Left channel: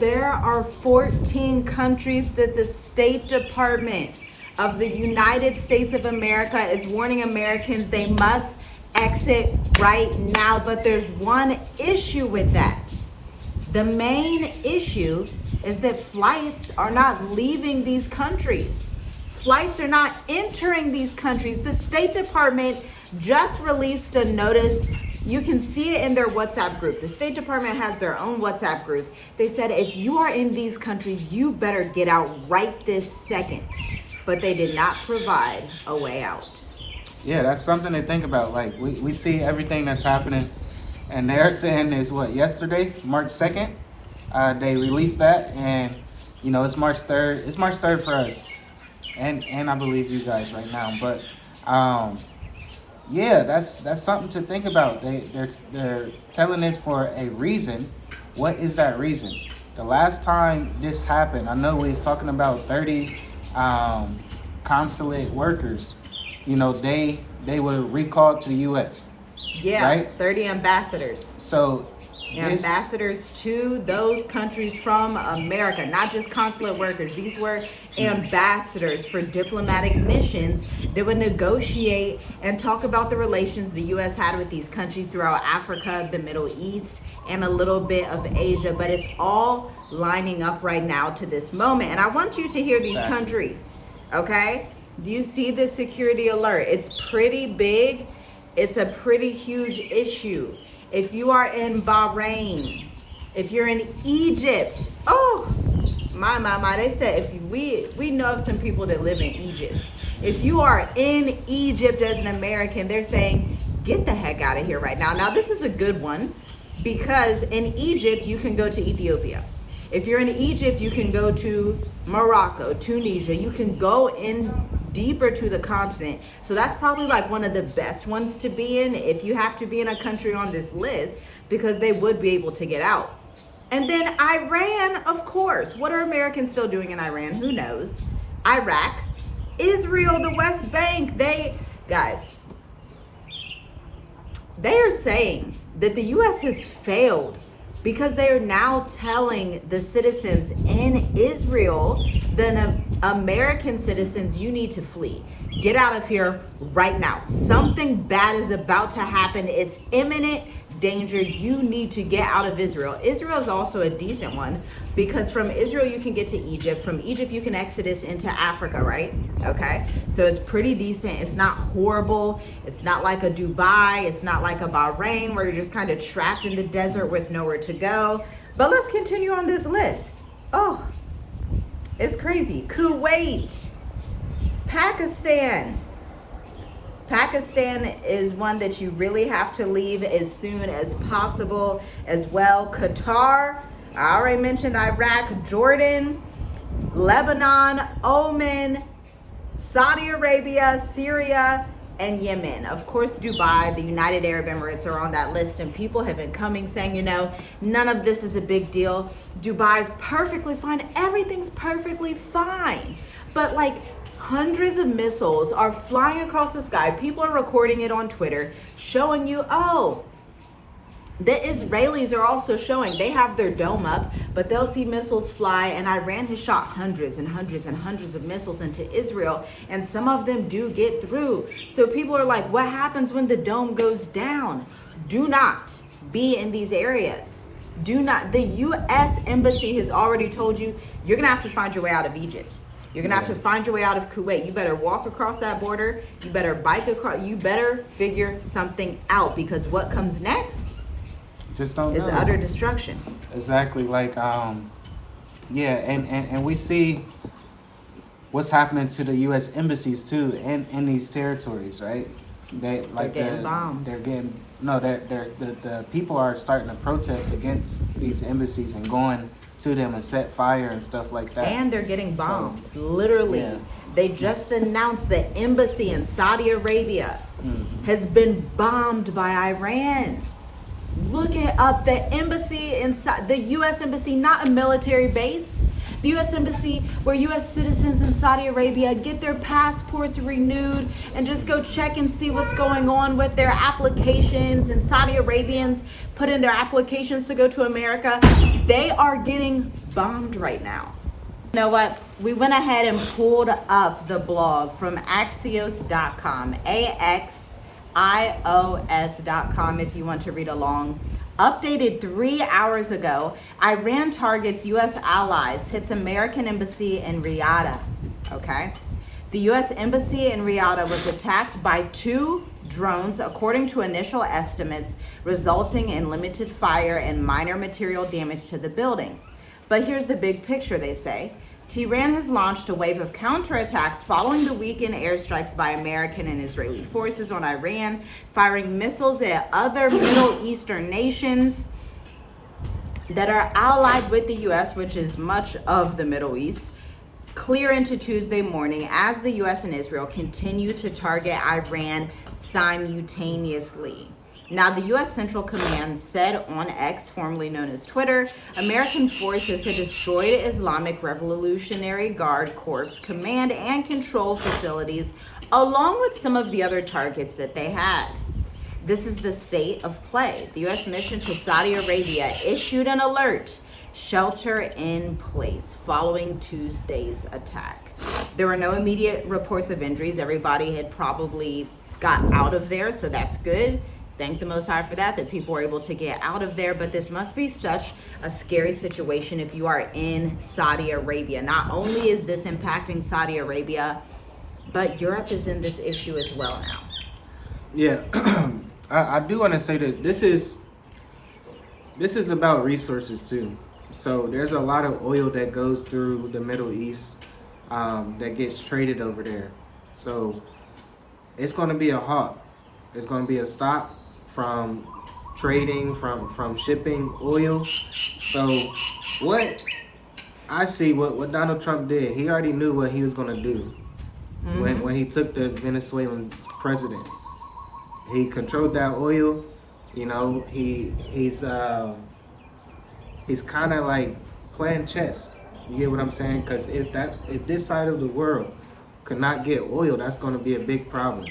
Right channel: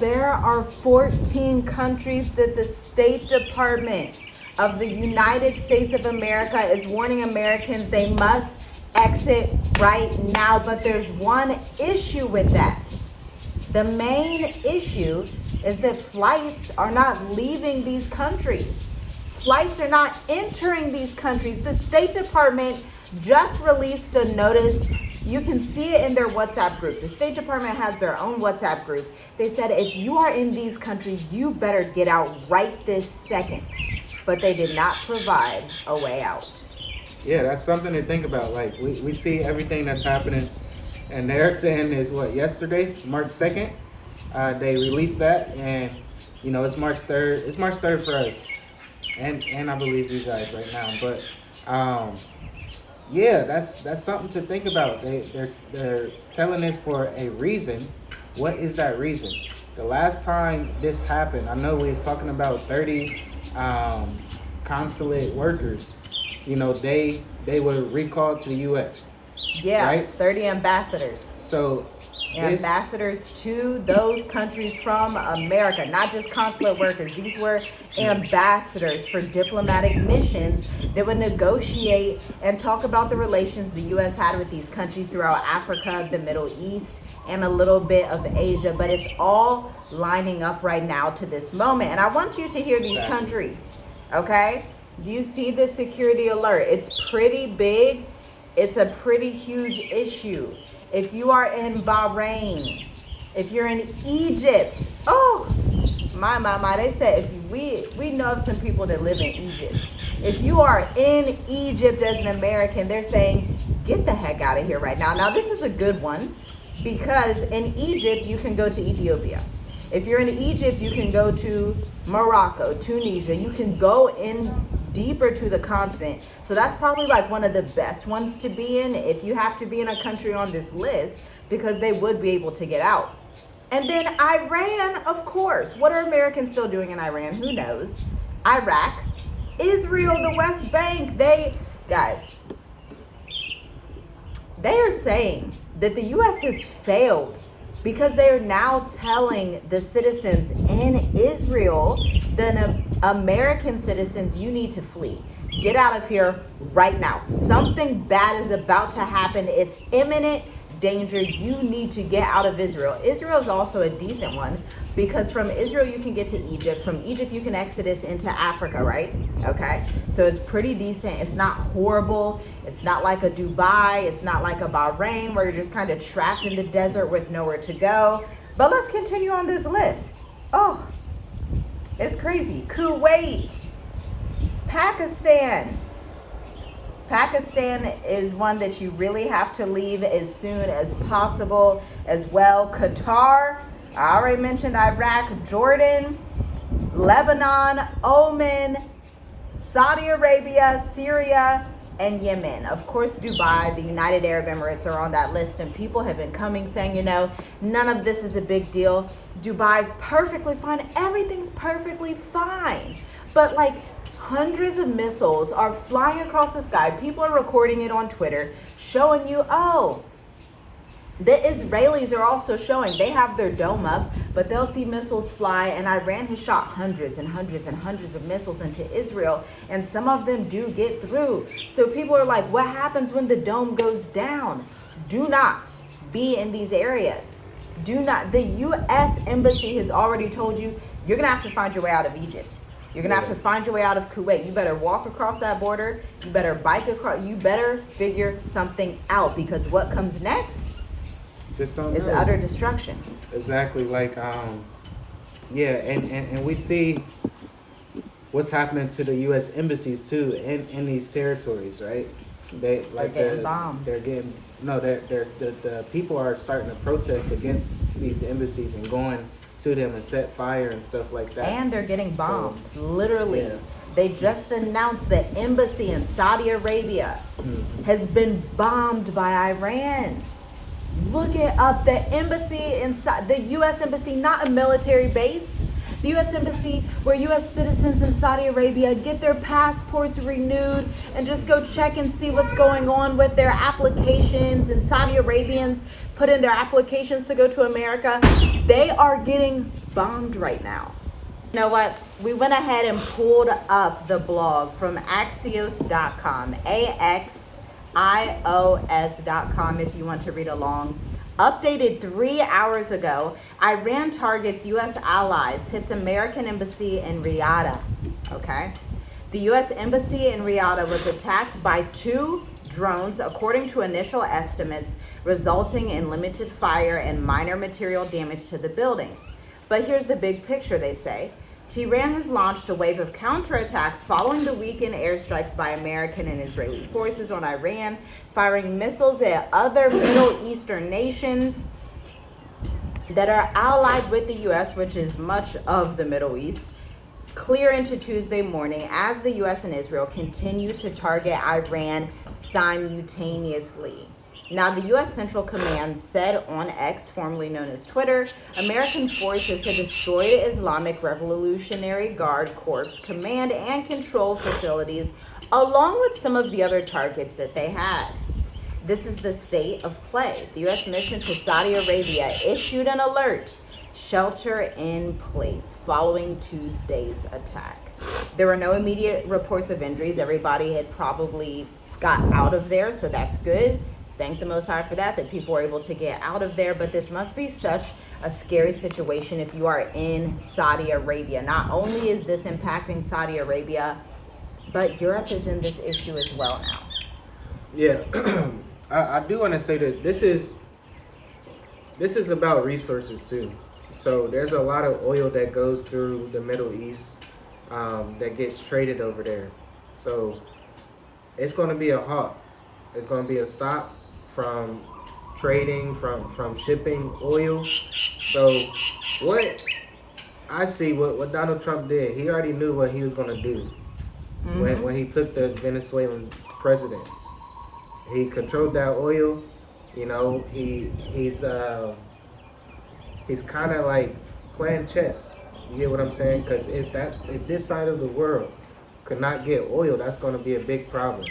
there are 14 countries that the State Department of the United States of America is warning Americans they must exit right now. But there's one issue with that. The main issue is that flights are not leaving these countries. Flights are not entering these countries. The State Department just released a notice. You can see it in their WhatsApp group. The State Department has their own WhatsApp group. They said if you are in these countries, you better get out right this second. But they did not provide a way out. Yeah, that's something to think about. Like, we see everything that's happening, and they're saying is what, yesterday, March 2nd, they released that, and, you know, it's March 3rd. It's March 3rd for us, and I believe you guys right now. But, yeah, that's something to think about. They're telling us for a reason. What is that reason? The last time this happened, I know we was talking about 30 consulate workers. You know, they were recalled to the U.S. Yeah, right? 30 ambassadors. So ambassadors to those countries from America, not just consulate workers. These were ambassadors for diplomatic missions that would negotiate and talk about the relations the U.S. had with these countries throughout Africa, the Middle East, and a little bit of Asia. But it's all lining up right now to this moment. And I want you to hear these countries, okay? Do you see the security alert? It's pretty big. It's a pretty huge issue. If you are in Bahrain, if you're in Egypt, oh, my, they said if we know of some people that live in Egypt. If you are in Egypt as an American, they're saying, get the heck out of here right now. Now, this is a good one because in Egypt, you can go to Ethiopia. If you're in Egypt, you can go to Morocco, Tunisia. You can go in deeper to the continent. So that's probably like one of the best ones to be in if you have to be in a country on this list, because they would be able to get out. And then Iran, of course. What are Americans still doing in Iran? Who knows? Iraq, Israel, the West Bank. They are saying that the U.S. has failed because they are now telling the citizens in Israel, the American citizens, you need to flee. Get out of here right now. Something bad is about to happen. It's imminent danger. You need to get out of Israel. Israel is also a decent one because from Israel you can get to Egypt. From Egypt you can exodus into Africa, right? Okay, so it's pretty decent. It's not horrible. It's not like a Dubai. It's not like a Bahrain where you're just kind of trapped in the desert with nowhere to go. But let's continue on this list. Oh, it's crazy. Kuwait, Pakistan. Pakistan is one that you really have to leave as soon as possible as well. Qatar, I already mentioned Iraq, Jordan, Lebanon, Oman, Saudi Arabia, Syria, and Yemen. Of course, Dubai, the United Arab Emirates are on that list, and people have been coming saying, you know, none of this is a big deal. Dubai's perfectly fine. Everything's perfectly fine. But like, hundreds of missiles are flying across the sky. People are recording it on Twitter, showing you, oh, the Israelis are also showing they have their dome up, but they'll see missiles fly. And Iran has shot hundreds and hundreds and hundreds of missiles into Israel, and some of them do get through. So people are like, what happens when the dome goes down? Do not be in these areas. Do not. The U.S. Embassy has already told you, you're going to have to find your way out of Egypt. You're going to have to find your way out of Kuwait. You better walk across that border. You better bike across. You better figure something out, because what comes next just don't is know. Utter destruction. Exactly. Like, yeah, and we see what's happening to the U.S. embassies too in these territories, right? They're getting bombed. The people are starting to protest against these embassies and going to them and set fire and stuff like that. And they're getting bombed, literally. Yeah. They just announced the embassy in Saudi Arabia has been bombed by Iran. Look it up. The embassy inside, the U.S. embassy, not a military base, The U.S. Embassy, where U.S. citizens in Saudi Arabia get their passports renewed and just go check and see what's going on with their applications, and Saudi Arabians put in their applications to go to America, they are getting bombed right now. You know what? We went ahead and pulled up the blog from Axios.com, AXIOS.com, if you want to read along. Updated 3 hours ago, Iran targets U.S. allies, hits American embassy in Riyadh. Okay? The U.S. embassy in Riyadh was attacked by 2 drones, according to initial estimates, resulting in limited fire and minor material damage to the building. But here's the big picture, they say. Tehran has launched a wave of counterattacks following the weekend airstrikes by American and Israeli forces on Iran, firing missiles at other Middle Eastern nations that are allied with the U.S., which is much of the Middle East, clear into Tuesday morning as the U.S. and Israel continue to target Iran simultaneously. Now, the U.S. Central Command said on X, formerly known as Twitter, American forces had destroyed Islamic Revolutionary Guard Corps command and control facilities, along with some of the other targets that they had. This is the state of play. The U.S. mission to Saudi Arabia issued an alert, shelter in place, following Tuesday's attack. There were no immediate reports of injuries. Everybody had probably got out of there, so that's good. Thank the Most High for that people were able to get out of there. But this must be such a scary situation if you are in Saudi Arabia. Not only is this impacting Saudi Arabia, but Europe is in this issue as well now. Yeah, I do want to say that this is about resources too. So there's a lot of oil that goes through the Middle East that gets traded over there. So it's going to be a halt. It's going to be a stop from trading, from shipping oil. So what I see, what Donald Trump did, he already knew what he was going to do when he took the Venezuelan president. He controlled that oil. You know, he's kind of like playing chess. You get what I'm saying? Because if this side of the world could not get oil, that's going to be a big problem.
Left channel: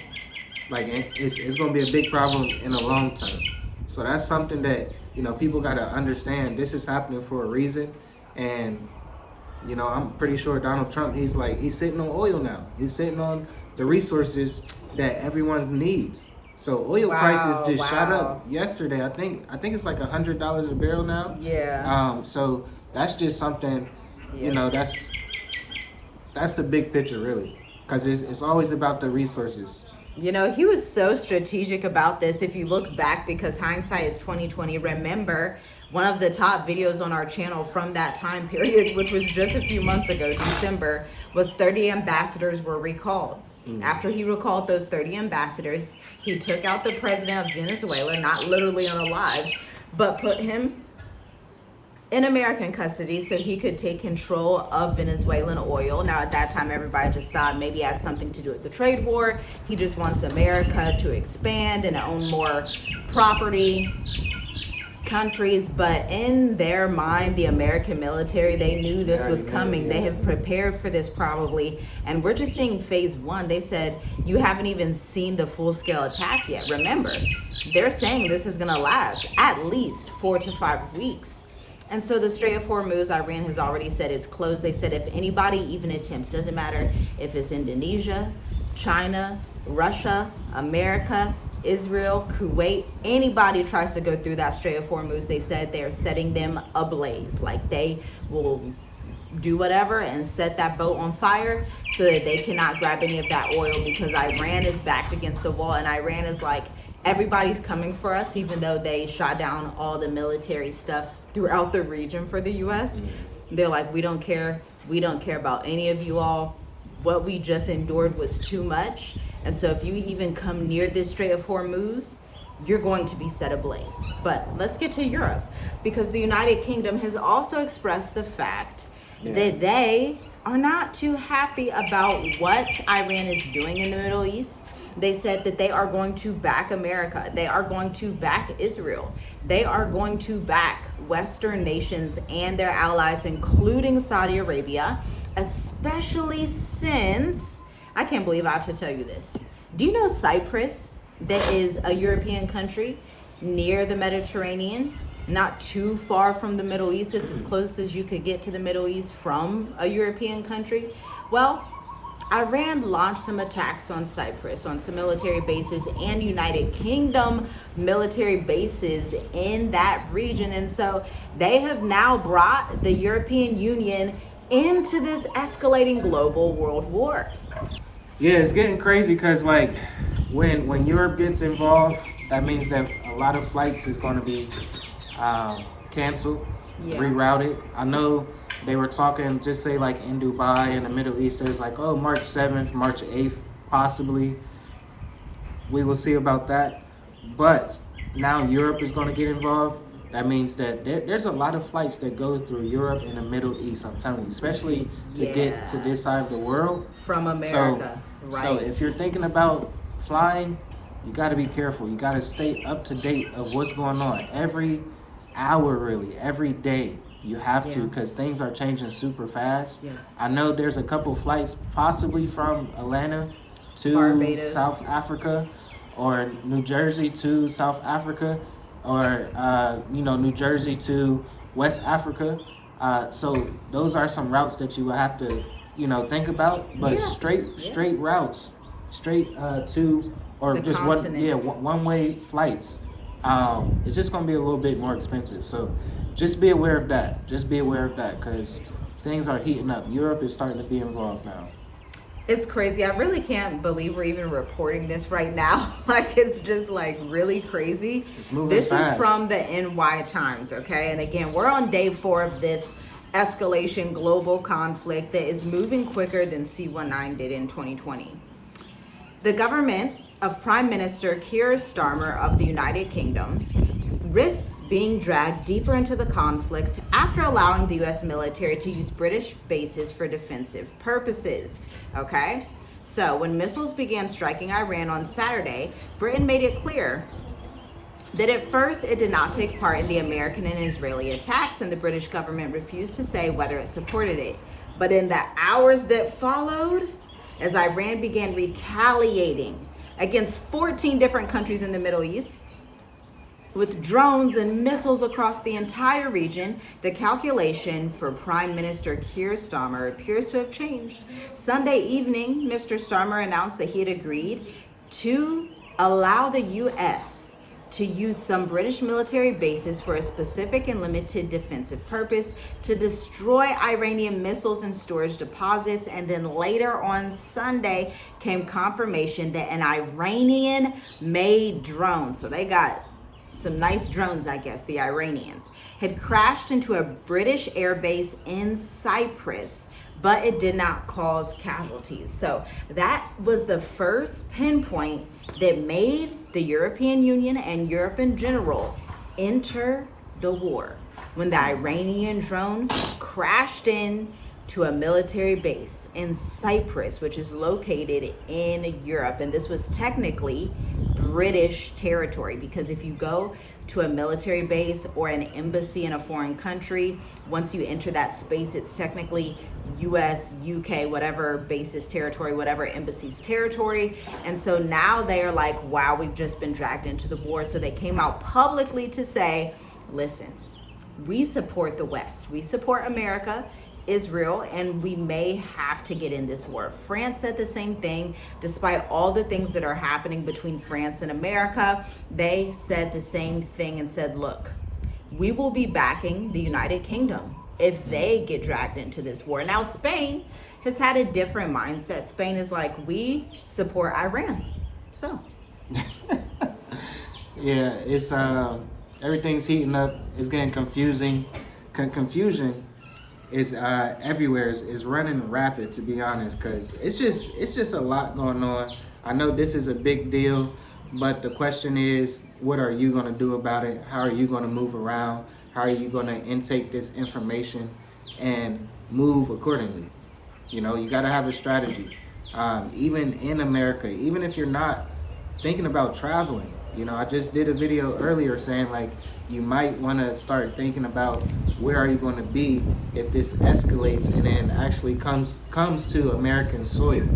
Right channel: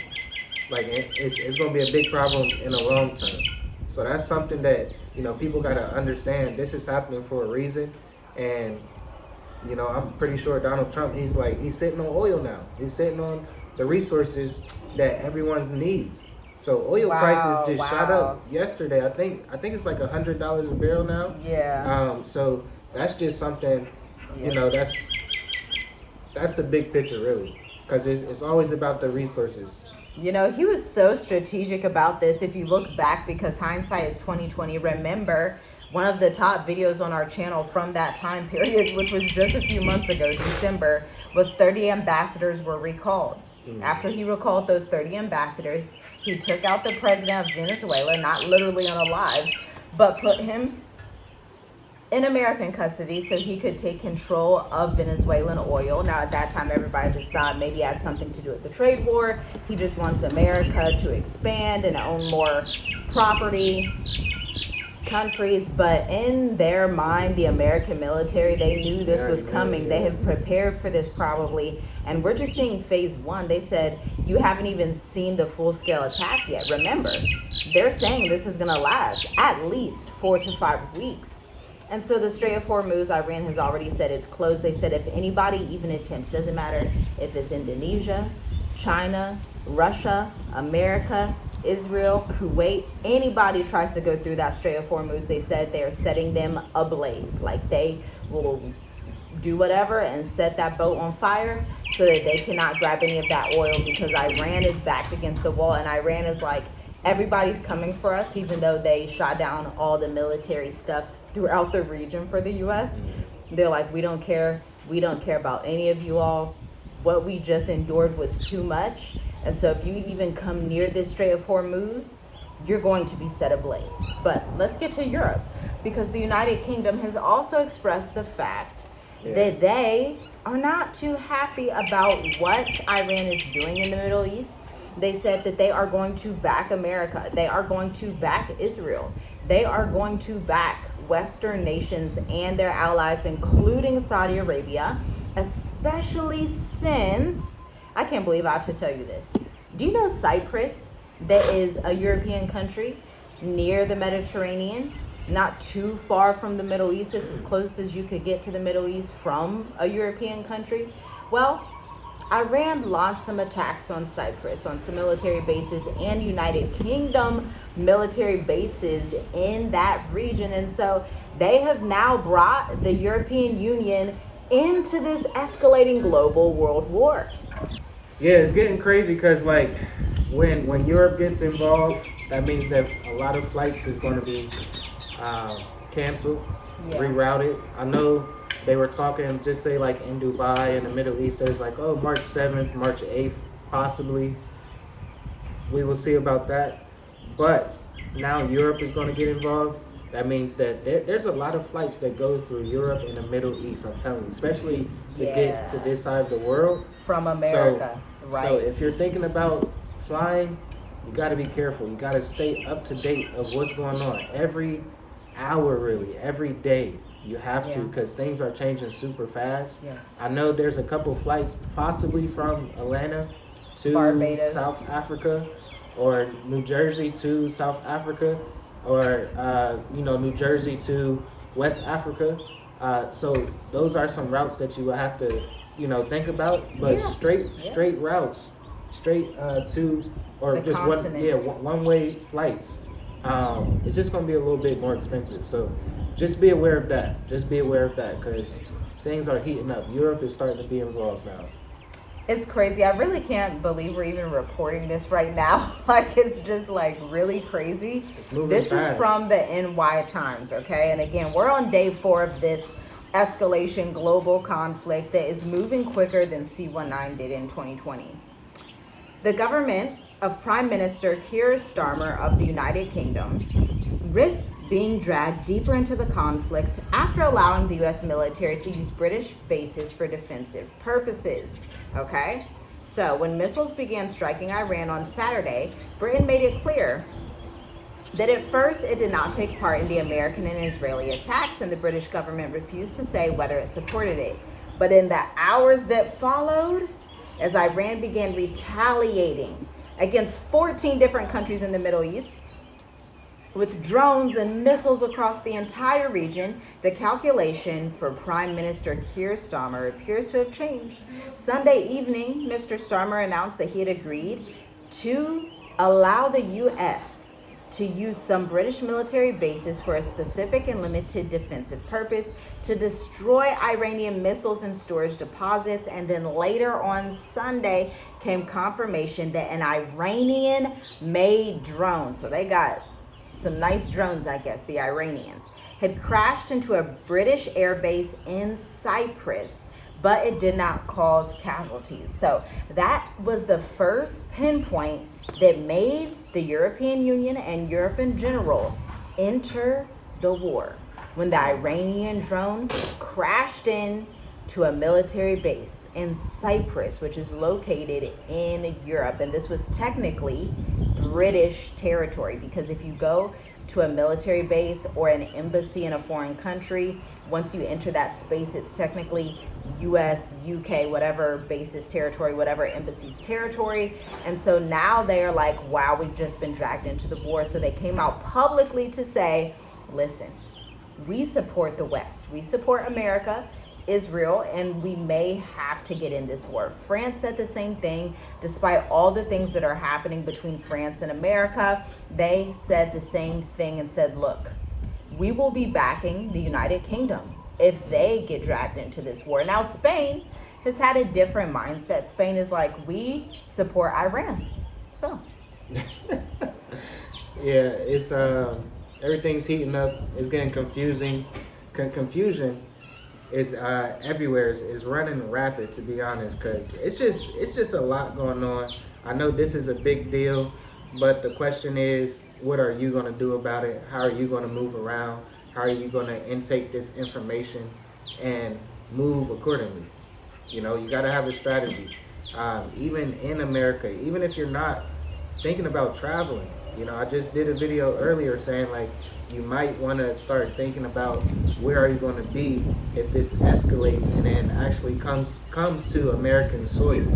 Like, it's going to be a big problem in the long term. So that's something that, you know, people got to understand. This is happening for a reason. And, you know, I'm pretty sure Donald Trump, he's sitting on oil now. He's sitting on the resources that everyone needs. So oil prices just shot up yesterday. I think it's like $100 a barrel now. Yeah. So that's just something, you know, that's the big picture, really. Because it's always about the resources. You know, he was so strategic about this. If you look back, because hindsight is 2020, remember one of the top videos on our channel from that time period, which was just a few months ago, December, was 30 ambassadors were recalled. After he recalled those 30 ambassadors, he took out the president of Venezuela, not literally unalive, but put him in American custody so he could take control of Venezuelan oil. Now, at that time, everybody just thought maybe it had something to do with the trade war. He just wants America to expand and own more property, countries. But in their mind, the American military, they knew this was coming. They have prepared for this probably. And we're just seeing phase 1. They said, you haven't even seen the full-scale attack yet. Remember, they're saying this is going to last at least 4 to 5 weeks. And so the Strait of Hormuz, Iran has already said it's closed. They said if anybody even attempts, doesn't matter if it's Indonesia, China, Russia, America, Israel, Kuwait, anybody tries to go through that Strait of Hormuz, they said they're setting them ablaze. Like they will do whatever and set that boat on fire so that they cannot grab any of that oil, because Iran is backed against the wall, and Iran is like, everybody's coming for us, even though they shot down all the military stuff throughout the region for the U.S. They're like, we don't care about any of you all. What we just endured was too much. And so if you even come near this Strait of Hormuz, you're going to be set ablaze. But let's get to Europe, because the United Kingdom has also expressed the fact that they are not too happy about what Iran is doing in the Middle East. They said that they are going to back America. They are going to back Israel. They are going to back Western nations and their allies, including Saudi Arabia, especially since, I can't believe I have to tell you this. Do you know Cyprus, that is a European country near the Mediterranean, not too far from the Middle East? It's as close as you could get to the Middle East from a European country. Well, Iran launched some attacks on Cyprus, on some military bases and United Kingdom military bases in that region. And so they have now brought the European Union into this escalating global world war. Yeah, it's getting crazy because like when Europe gets involved, that means that a lot of flights is going to be canceled, rerouted. I know they were talking, just say like in Dubai in the Middle East, there's like, oh, March 7th, March 8th, possibly. We will see about that. But now Europe is going to get involved. That means that there's a lot of flights that go through Europe and the Middle East, I'm telling you, especially to get to this side of the world. From America, right. So if you're thinking about flying, you got to be careful. You got to stay up to date of what's going on. Every hour, really, every day, you have to, because things are changing super fast. I know there's a couple flights possibly from Atlanta to Barbados, South Africa, or New Jersey to South Africa, or New Jersey to West Africa. So those are some routes that you will have to think about. But straight routes, straight to, or the just continent. one way flights. It's just going to be a little bit more expensive. So just be aware of that. Just be aware of that, because things are heating up. Europe is starting to be involved now. It's crazy. I really can't believe we're even reporting this right now. Like, it's just like really crazy. It's moving This fast. is from the NY Times, okay? And again, we're on day 4 of this escalation global conflict that is moving quicker than C-19 did in 2020. The government of Prime Minister Keir Starmer of the United Kingdom risks being dragged deeper into the conflict after allowing the U.S. military to use British bases for defensive purposes. Okay? So when missiles began striking Iran on Saturday, Britain made it clear that at first it did not take part in the American and Israeli attacks, and the British government refused to say whether it supported it. But in the hours that followed, as Iran began retaliating against 14 different countries in the Middle East, with drones and missiles across the entire region, the calculation for Prime Minister Keir Starmer appears to have changed. Sunday evening, Mr. Starmer announced that he had agreed to allow the U.S. to use some British military bases for a specific and limited defensive purpose to destroy Iranian missiles and storage deposits. And then later on Sunday came confirmation that an Iranian-made drone, so they got some nice drones, I guess, the Iranians, had crashed into a British airbase in Cyprus, but it did not cause casualties. So that was the first pinpoint that made the European Union and Europe in general enter the war, when the Iranian drone crashed in to a military base in Cyprus, which is located in Europe. And this was technically British territory, because if you go to a military base or an embassy in a foreign country, once you enter that space, it's technically US, UK, whatever base's territory, whatever embassy's territory. And so now they are like, wow, we've just been dragged into the war. So they came out publicly to say, listen, we support the West. We support America, Israel, and we may have to get in this war. France said the same thing. Despite all the things that are happening between France and America, they said the same thing and said, look, we will be backing the United Kingdom if they get dragged into this war. Now, Spain has had a different mindset. Spain is like, we support Iran. So. Yeah, it's everything's heating up. It's getting confusing. Confusion is everywhere. Is running rapid, to be honest, because it's just a lot going on. I know this is a big deal, but the question is, what are you going to do about it? How are you going to move around? How are you going to intake this information and move accordingly? You know, you got to have a strategy. even in America, even if you're not thinking about traveling. You know, I just did a video earlier saying like you might want to start thinking about where are you going to be if this escalates and then actually comes to American soil.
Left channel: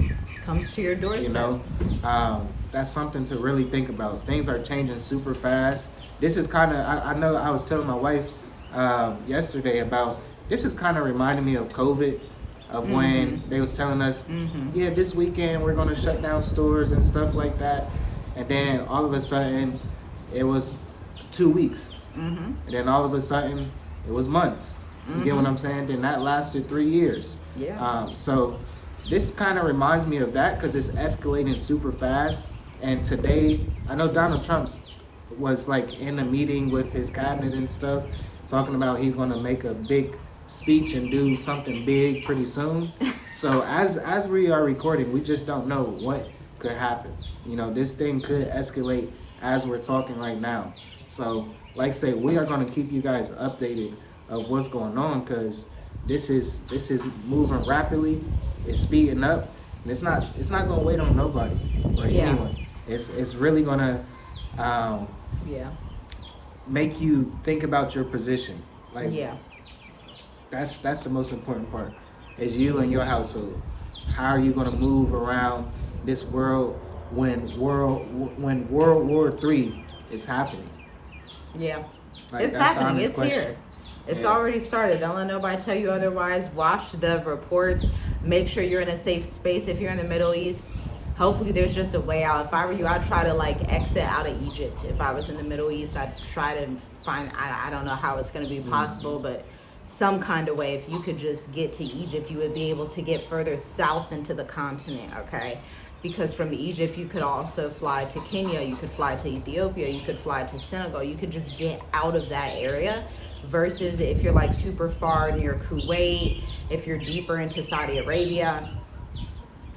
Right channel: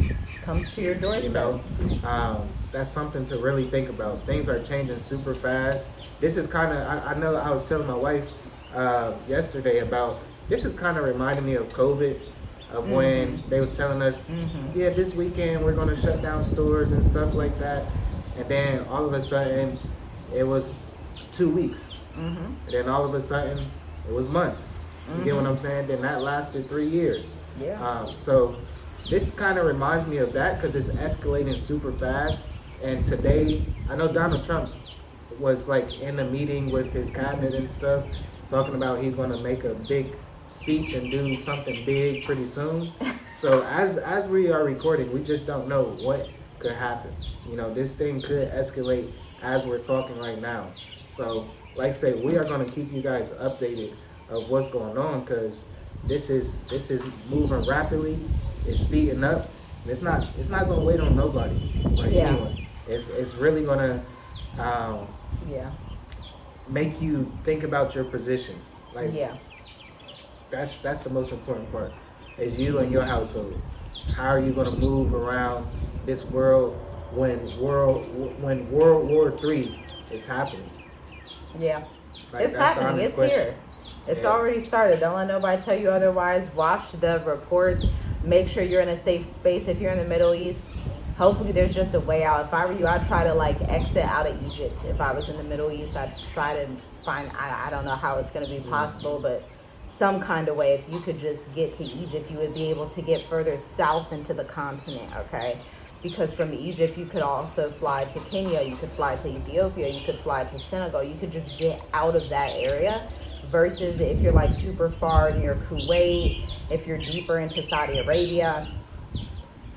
Comes to your doorstep. You know, that's something to really think about. Things are changing super fast. This is kind of, I know I was telling my wife yesterday about, this is kind of reminding me of COVID, of when they was telling us, yeah, this weekend we're going to shut down stores and stuff like that. And then all of a sudden it was 2 weeks. And then all of a sudden it was months. You get what I'm saying? Then that lasted 3 years. Yeah. So this kind of reminds me of that because it's escalating super fast. And today, I know Donald Trump was like in a meeting with his cabinet and stuff, talking about he's going to make a big speech and do something big pretty soon. So as we are recording, we just don't know what could happen. You know, this thing could escalate as we're talking right now. So like I say, we are going to keep you guys updated of what's going on because this is moving rapidly. It's speeding up, and it's not going to wait on nobody. Like, anyway, it's really going to make you think about your position. Like, that's the most important part. Is you and your household. How are you going to move around this world when World War III is happening? Yeah, like, it's happening. It's question. Here. It's already started. Don't let nobody tell you otherwise. Watch the reports. Make sure you're in a safe space. If you're in the Middle East, hopefully there's just a way out. If I were you, I'd try to like exit out of Egypt. If I was in the Middle East, I'd try to find, I don't know how it's going to be possible, but some kind of way. If you could just get to Egypt, you would be able to get further south into the continent, okay? Because from Egypt, you could also fly to Kenya, you could fly to Ethiopia, you could fly to Senegal. You could just get out of that area. Versus if you're like super far near Kuwait, if you're deeper into Saudi Arabia,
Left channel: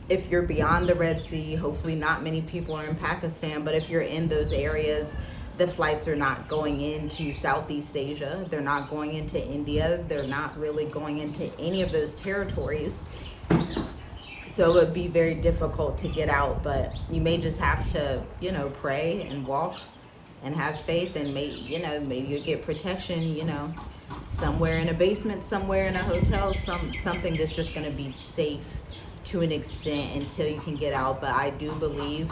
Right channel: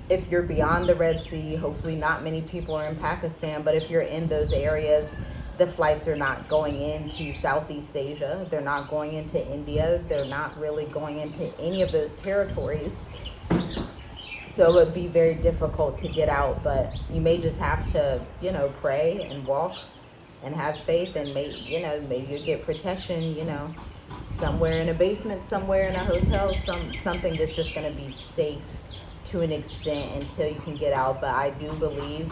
if you're beyond the Red Sea, hopefully not many people are in Pakistan, but if you're in those areas, the flights are not going into Southeast Asia. They're not going into India. They're not really going into any of those territories. So it would be very difficult to get out, but you may just have to, you know, pray and walk and have faith, and maybe you get protection, somewhere in a basement, somewhere in a hotel, something that's just going to be safe to an extent until you can get out. But I do believe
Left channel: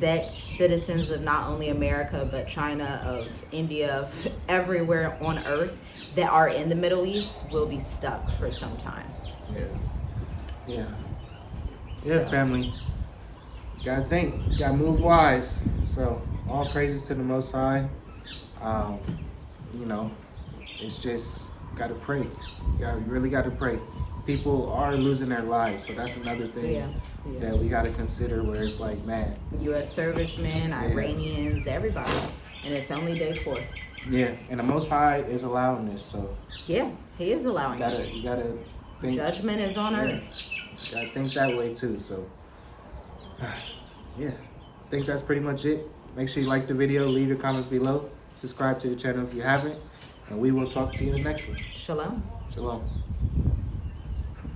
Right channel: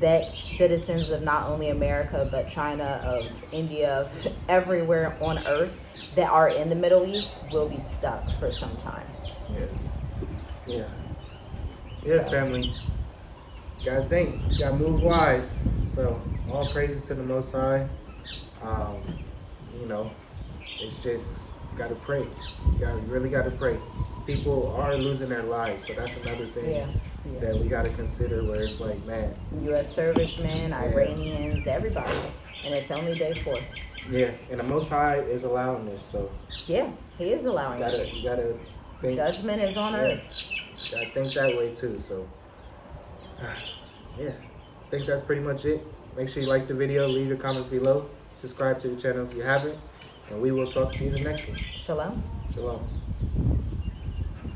that citizens of not only America, but China, of India, of everywhere on earth that are in the Middle East will be stuck for some time. Yeah, So. family. Gotta think. Gotta move wise. So all praises to the Most High. It's just gotta pray. You really gotta pray. People are losing their lives, so that's another thing that we gotta consider. Where it's like, man, U.S. servicemen, Iranians, everybody, and it's only day 4. Yeah, and the Most High is allowing this, so yeah, He is allowing it. You gotta think. Judgment is on earth. You gotta think that way too. So, I think that's pretty much it. Make sure you like the video, leave your comments below, subscribe to the channel if you haven't, and we will talk to you in the next one. Shalom. Shalom.